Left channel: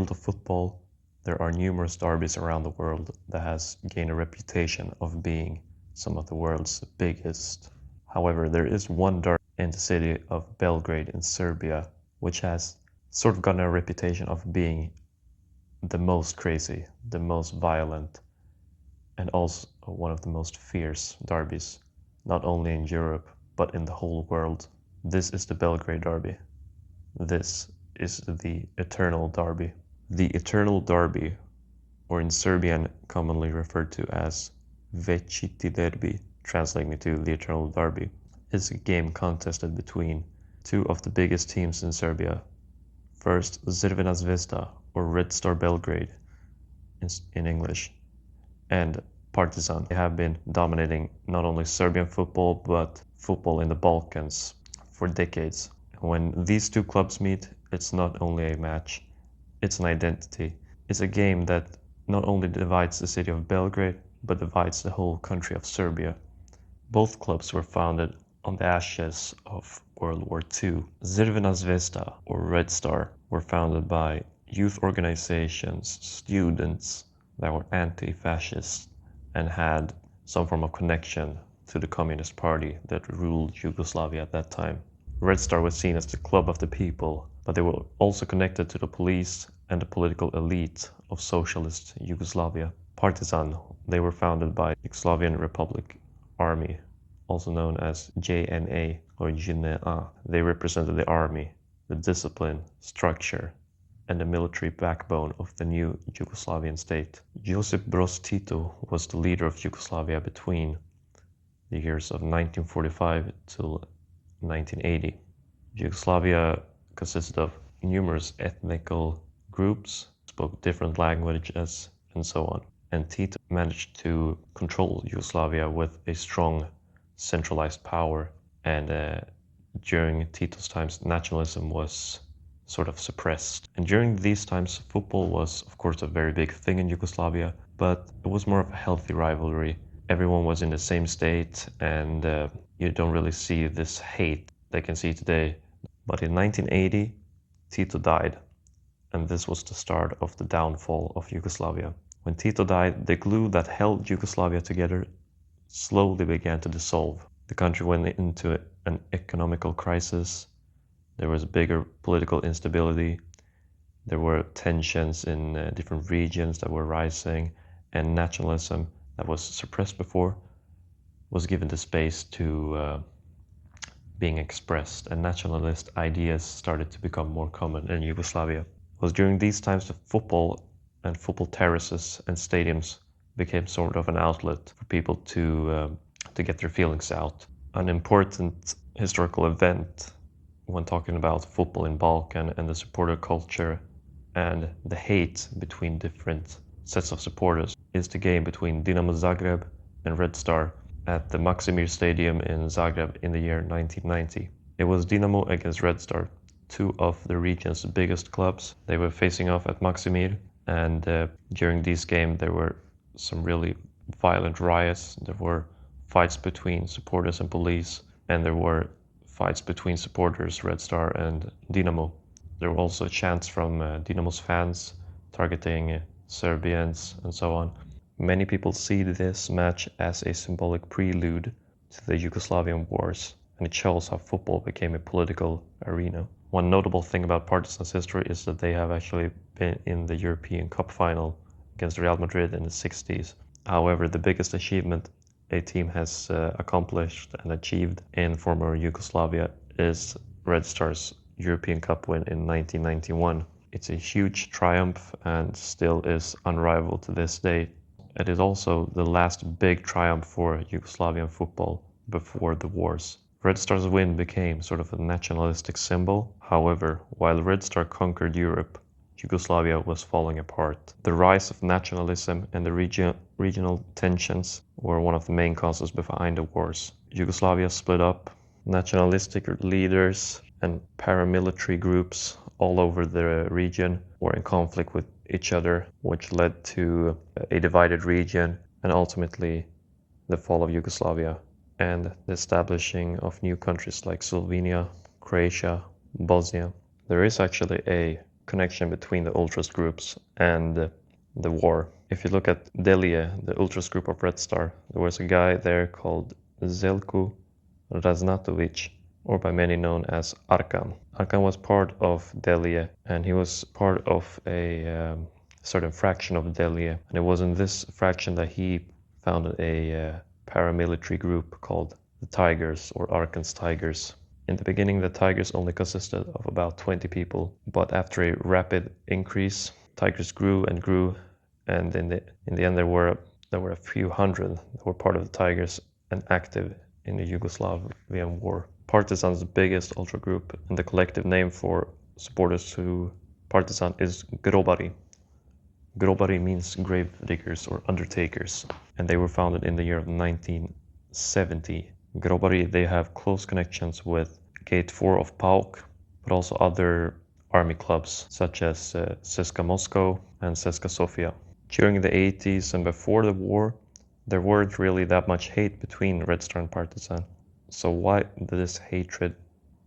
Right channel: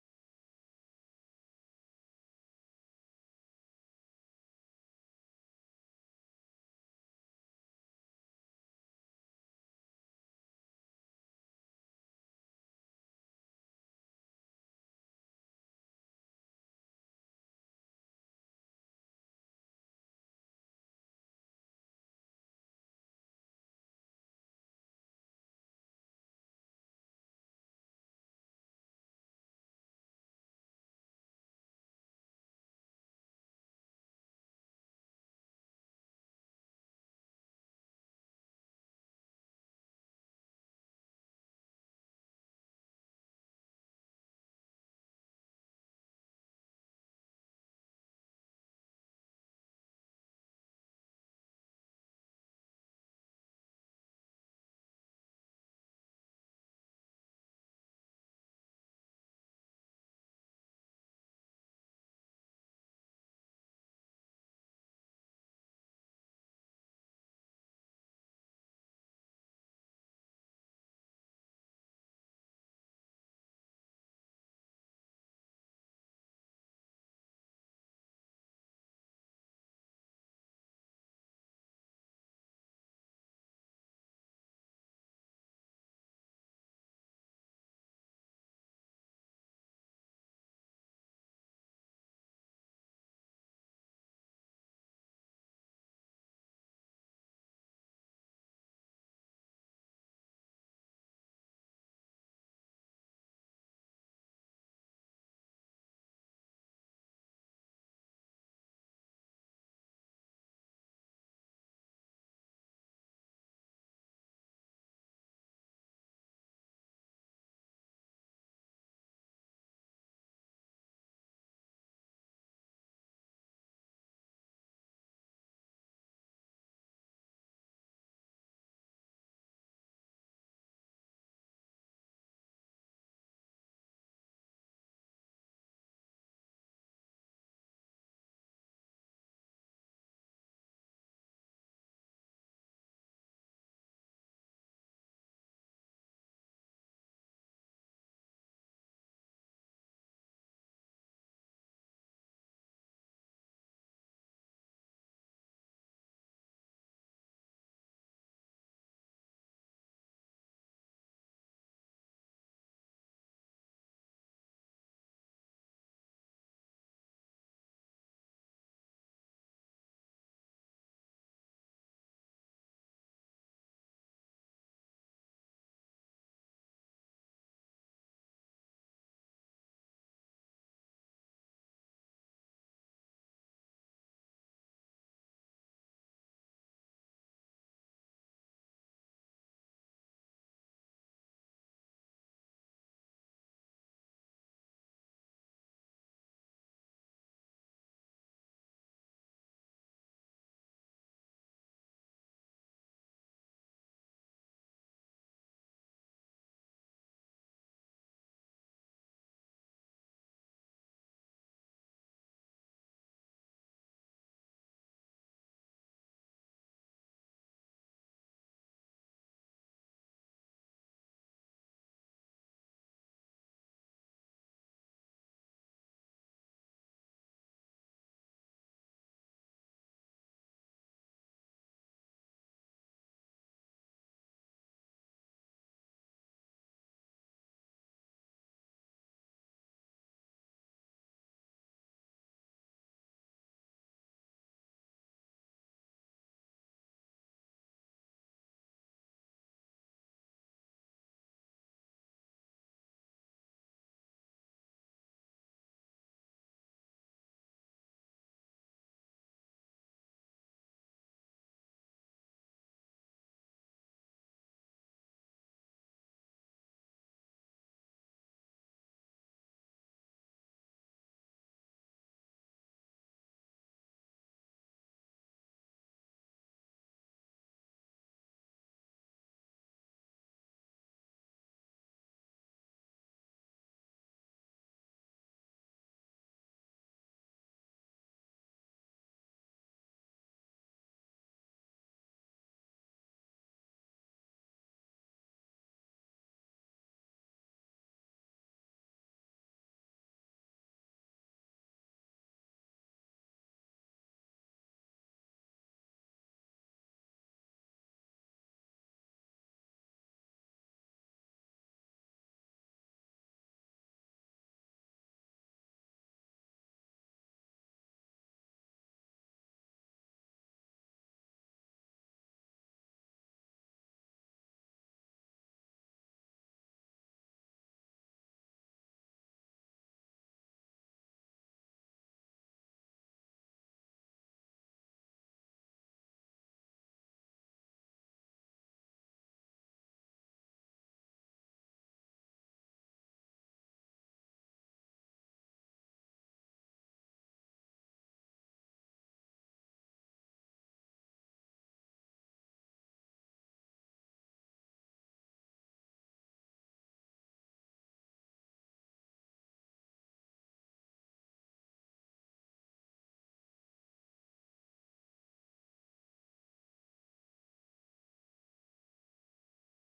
world of football, there are numerous derbies around the world that has gained a reputation of being some of the world's biggest. However, there is one derby in the city of Belgrade in Serbia, which has sort of gotten a reputation of being the most crazy, the most violent, and also one of the most fierce derbies, not only in Europe, but in the whole world. This is the Belgrade Derby. This is the Eternal Derby. The Eternal Derby, or in Serbian commonly referred to as Večiti Derby, translating to the Eternal Derby, is a game contested between two of the biggest teams in Serbia. First, Crvena Zvezda, or Red Star Belgrade in English, and Partizan. They have been dominating not only Serbian football, but football in the Balkans for decades. When these two clubs meet, it's not only a match, it's an identity. It's a game that not only divides the city of Belgrade, but divides the whole country of Serbia. Both clubs were founded on the ashes of World War II. Crvena Zvezda, or Red Star, were founded by youth organizations, students that were anti-fascist and had some form of connection to the Communist Party that ruled Yugoslavia at that time. Red Star was seen as the club of the people, but they were also connected to the police and the political elite of socialist Yugoslavia. Partizan, they were founded by Yugoslavian Republic Army, also known as JNA or JNA. They represented the army, the discipline, structure, and the military backbone of the new Yugoslavian state. Josip Broz Tito was the leader of Yugoslavia between the years of 1945 till 1980. Yugoslavia consisted of numerous ethnical groups, spoke different languages, and so on. And Tito managed to control Yugoslavia with a strong centralized power. And during Tito's times, nationalism was sort of suppressed. And during these times, football was, of course, a very big thing in Yugoslavia, but it was more of a healthy rivalry. Everyone was in the same state, and you don't really see this hate they can see today. But in 1980, Tito died, and this was the start of the downfall of Yugoslavia. When Tito died, the glue that held Yugoslavia together slowly began to dissolve. The country went into an economical crisis. There was bigger political instability. There were tensions in different regions that were rising, and nationalism that was suppressed before was given the space to being expressed, and nationalist ideas started to become more common in Yugoslavia. It was during these times that football and football terraces and stadiums became sort of an outlet for people to get their feelings out. An important historical event when talking about football in Balkan and the supporter culture and the hate between different sets of supporters is the game between Dinamo Zagreb and Red Star at the Maksimir Stadium in Zagreb in the year 1990. It was Dinamo against Red Star, two of the region's biggest clubs. They were facing off at Maksimir, and during this game there were some really violent riots. There were fights between supporters and police, and there were fights between supporters, Red Star and Dinamo. There were also chants from Dinamo's fans targeting Serbians and so on. Many people see this match as a symbolic prelude to the Yugoslavian wars, and it shows how football became a political arena. One notable thing about Partizan's history is that they have actually been in the European Cup final against Real Madrid in the 60s. However, the biggest achievement a team has accomplished and achieved in former Yugoslavia is Red Star's European Cup win in 1991. It's a huge triumph and still is unrivaled to this day. It is also the last big triumph for Yugoslavian football before the wars. Red Star's win became sort of a nationalistic symbol. However, while Red Star conquered Europe, Yugoslavia was falling apart. The rise of nationalism and the regional tensions were one of the main causes behind the wars. Yugoslavia split up. Nationalistic leaders and paramilitary groups all over the region were in conflict with each other, which led to a divided region and ultimately the fall of Yugoslavia and the establishing of new countries like Slovenia, Croatia, Bosnia. There is actually a connection between the ultras groups and the war. If you look at Delia, the ultras group of Red Star, there was a guy there called Zelko Raznatovic, or by many known as Arkan. Arkan was part of Delia, and he was part of a certain fraction of Delia, and it was in this fraction that he founded a paramilitary group called the Tigers, or Arkan's Tigers. In the beginning, the Tigers only consisted of about 20 people, but after a rapid increase, Tigers grew and grew, and in the end there were a few hundred that were part of the Tigers and active in the Yugoslavian war. Partizan's biggest ultra group, and the collective name for supporters to Partizan is Grobari. Grobari means grave diggers or undertakers, and they were founded in the year of 1970. Grobari, they have close connections with Gate 4 of PAOK, but also other army clubs such as CSKA Moscow and CSKA Sofia. During the 80s and before the war, there weren't really that much hate between Red Star and Partizan. So why did this hatred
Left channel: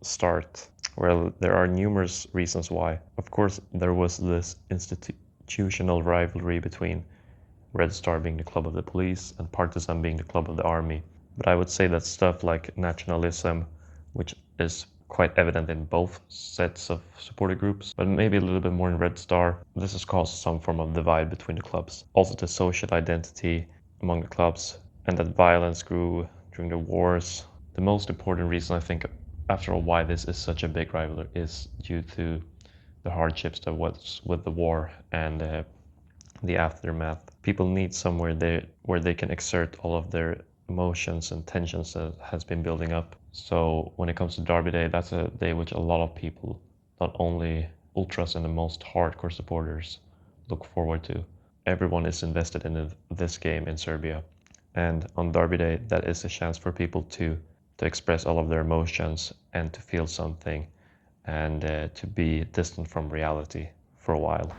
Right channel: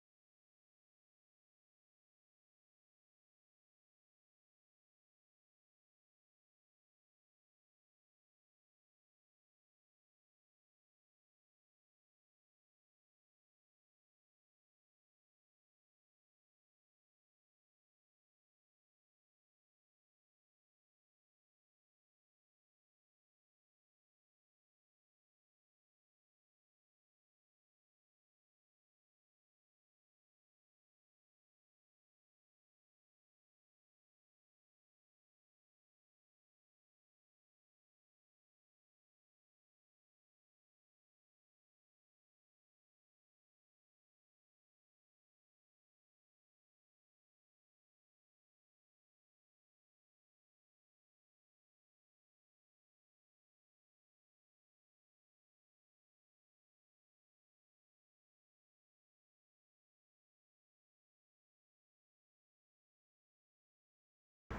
start? Well, there are numerous reasons why. Of course, there was this institutional rivalry between Red Star being the club of the police and Partizan being the club of the army. But I would say that stuff like nationalism, which is quite evident in both sets of supporter groups, but maybe a little bit more in Red Star, this has caused some form of divide between the clubs. Also the social identity among the clubs, and that violence grew during the wars. The most important reason, I think, after all, why this is such a big rivalry is due to the hardships that was with the war and the aftermath. People need somewhere where they can exert all of their emotions and tensions that has been building up. So when it comes to Derby Day, that's a day which a lot of people, not only ultras and the most hardcore supporters, look forward to. Everyone is invested in this game in Serbia, and on Derby Day, that is a chance for people to express all of their emotions and to feel something, and to be distant from reality for a while.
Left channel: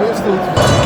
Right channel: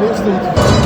Место